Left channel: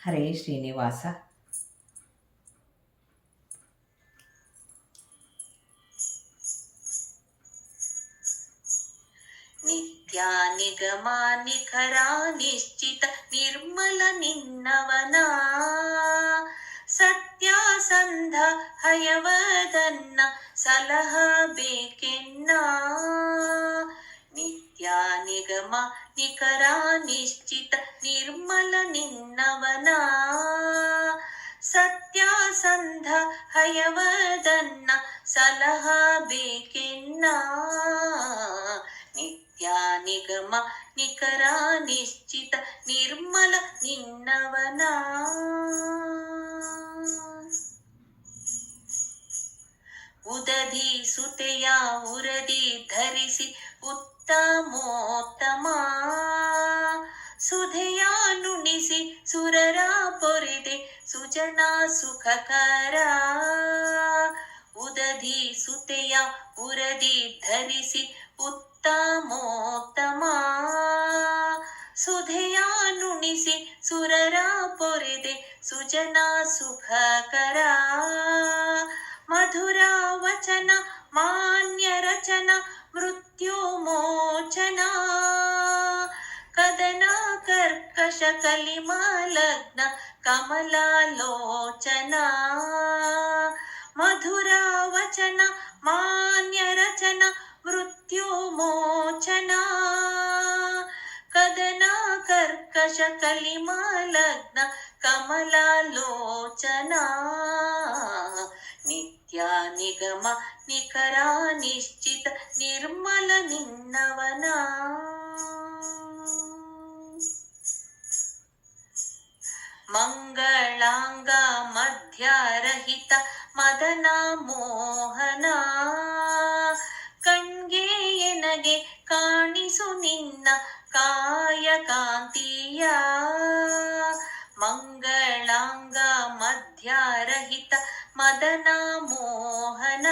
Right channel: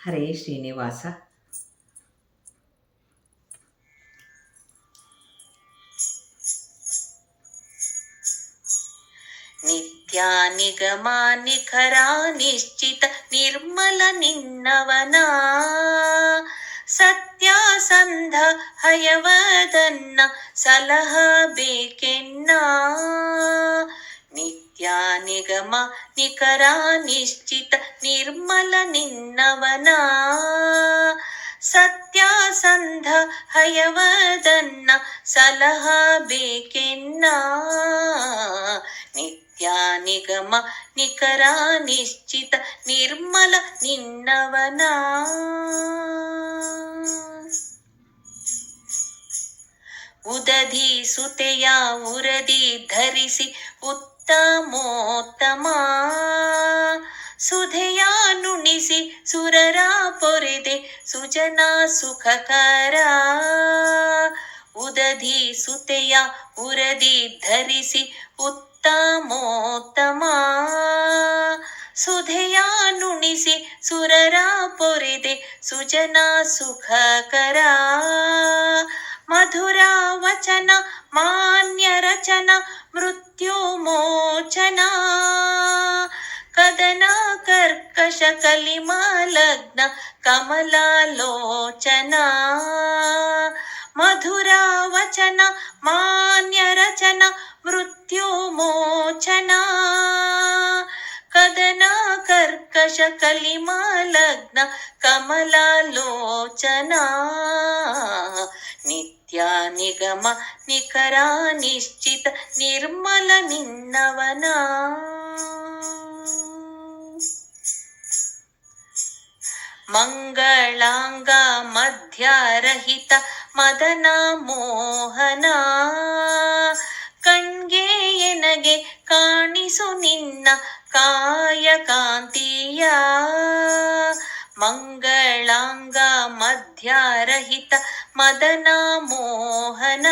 ಹರೇ ಶ್ರೀನಿವಾಸ. ನಿತ್ಯ ನಿಗಮ ನಿಖರ ನಿಶ್ಚಿತ ನಿರ್ಮಲ ನಿನ್ನವನ ಸತ್ಯಾಸಂಧ ಹಯವದನ್ನ ಸಲಹಬೇಕೆನ್ನ. ನಿತ್ಯ ನಿಗಮ ನಿಖರ ನಿಶ್ಚಿತ ನಿರ್ಮಲ ನಿನ್ನವನ ಸತ್ಯಾಸಂಧ ಹಯವದನ್ನ ಸಲಹಬೇಕೆನ್ನ. ನಿತ್ಯ ನಿಗಮ ನಿಖರ ನಿಶ್ಚಿತ ನಿರ್ಮಲ ನಿನ್ನವನ ಉದಧಿ ಸುತೆಯ ಉರದಿ ಧರಿಸಿ ಉತ್ತಮೋತ್ತಮ ಸುಧೆಯ ನುಣಿಸಿ ಸುರರ ಪೊರೆದೆ ಸುಜನ ಸುಖಕರ. ಉದಧಿ ಸುತೆಯ ಉರದಿ ಧರಿಸಿ ಉತ್ತಮೋತ್ತಮ ಸುಧೆಯ ನುಣಿಸಿ ಸುರರ ಪೊರೆದೆ ಸುಜನ ಸುಖಕರ. ಮಧುರ ವಚನ ಮಾನ್ಯ ರಚನ ಮೃತ್ಯು ಮೋಚನ ಕದನ ಕರ್ಕಶ ಕಲಿಮಲಗ್ನ ಕಮಲಾಲೋಚನ. ಮಧುರ ವಚನ ಮಾನ್ಯ ರಚನ ಮೃತ್ಯು ಮೋಚನ ಕದನ ಕರ್ಕಶ ಕಲಿಮಲಗ್ನ ಕಮಲಾಲೋಚನ. ನಿತ್ಯ ನಿಗಮ ನಿಖರ ನಿಶ್ಚಿತ ನಿರ್ಮಲ ನಿನ್ನವನ ಮಂಗಳಾಂಗ ಮಧ್ಯರಹಿತ ಮದನ ಮೋಹನ ಕಣ್ಗೆ ಎನಗೆ ಕಾಣಿಸು ನಿನ್ನ ಕಾಯ ಕಾಂತಿಯ. ಮಂಗಳಾಂಗ ಮಧ್ಯರಹಿತ ಮದನ ಮೋಹನ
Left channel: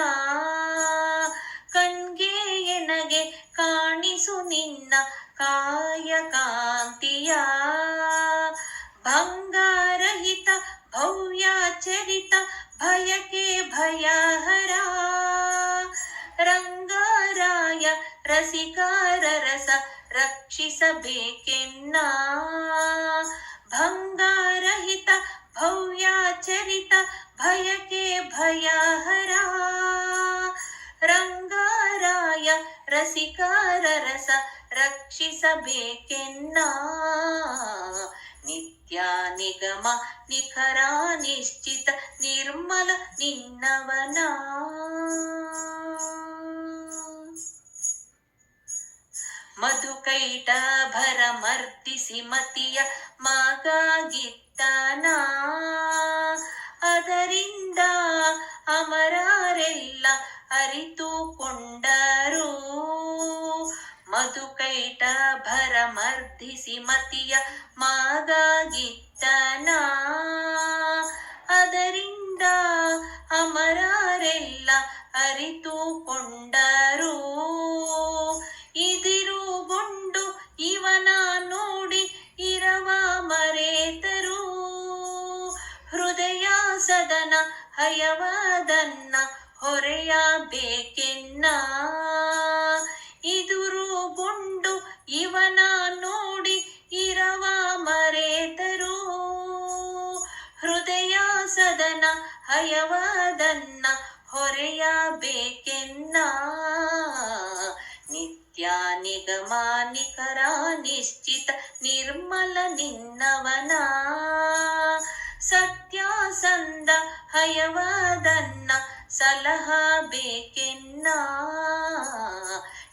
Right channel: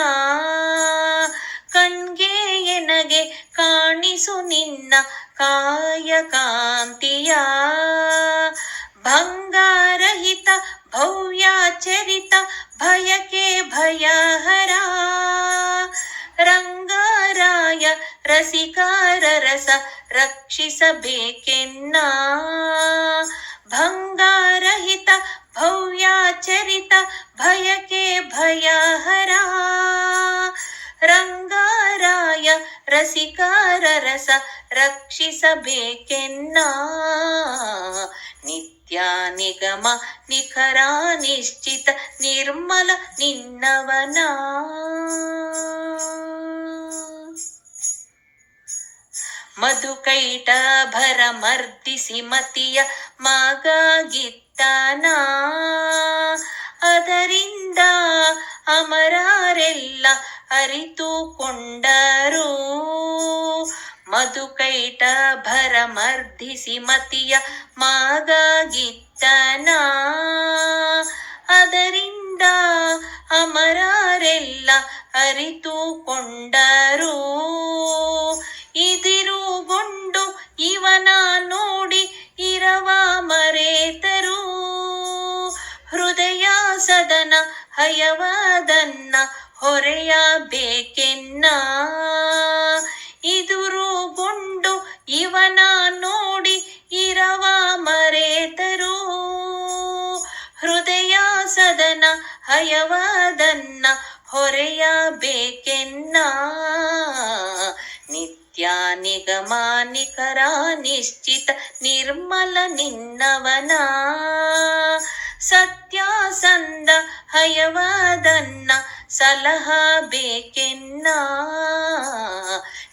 ಕಣ್ಗೆ ಎನಗೆ ಕಾಣಿಸು ನಿನ್ನ ಕಾಯ ಕಾಂತಿಯ. ಭಂಗರಹಿತ ಭವ್ಯಚರಿತ ಭಯಕ್ಕೆ ಭಯಹರ ರಂಗರಾಯ ರಸಿಕರ ರಸ ರಕ್ಷಿಸಬೇಕೆನ್ನ. ಭಂಗರಹಿತ ಭವ್ಯಚರಿತ ಭಯಕ್ಕೆ ಭಯಹರ ರಂಗರಾಯ ರಸಿಕರ ರಸ ರಕ್ಷಿಸಬೇಕೆನ್ನ. ನಿತ್ಯ ನಿಗಮ ನಿಖರ ನಿಶ್ಚಿತ ನಿರ್ಮಲ ನಿನ್ನವನ ಮಧುಕೈಟ ಭರ ಮರ್ದಿಸಿ ಮತಿಯ ಮಗಗಿತ್ತನ ಅದರಿಂದ ಅಮರರೆಲ್ಲ ಅರಿತುಕೊಂಡರು. ಮಧುಕೈಟ ಭರ ಮರ್ದಿಸಿ ಮತಿಯ ಮಗಗಿತ್ತನ ಅದರಿಂದ ಅಮರರೆಲ್ಲ ಅರಿತುಕೊಂಡರು. ಇದಿರುಗೊಂಡು ಇವನ ನೋಡಿ ಇರವ ಮರೆತರು ಹೃದಯ ಸದನ ಹಯವದನ್ನ ಹೊರೆಯಬೇಕೆನ್ನ. ಇದುರುಗೊಂಡು ಇವನ ನೋಡಿ ಇರವ ಮರೆತರು ಹೃದಯ ಸದನ ಹಯವದನ್ನ ಹೊರೆಯಬೇಕೆನ್ನ. ನಿತ್ಯ ನಿಗಮ ನಿಖರ ನಿಶ್ಚಿತ ನಿರ್ಮಲ ನಿನ್ನವನ ಸತ್ಯಾಸಂಧ ಹಯವದನ್ನ ಸಲಹಬೇಕೆನ್ನ.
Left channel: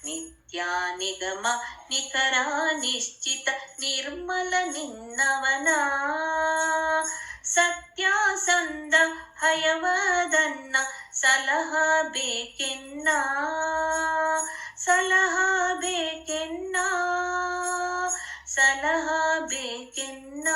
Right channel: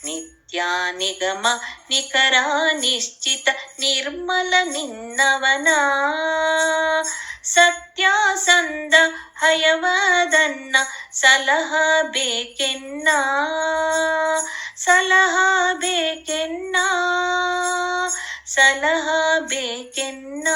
ನಿತ್ಯ ನಿಗಮ ನಿಖರ ನಿಶ್ಚಿತ ನಿರ್ಮಲ ನಿನ್ನವನ ಸತ್ಯಾಸಂಧ ಹಯವದನ್ನ ಸಲಹಬೇಕೆನ್ನ. ಸಲಹಬೇಕೆನ್ನ ಸಲಹಬೇಕೆನ್ನ.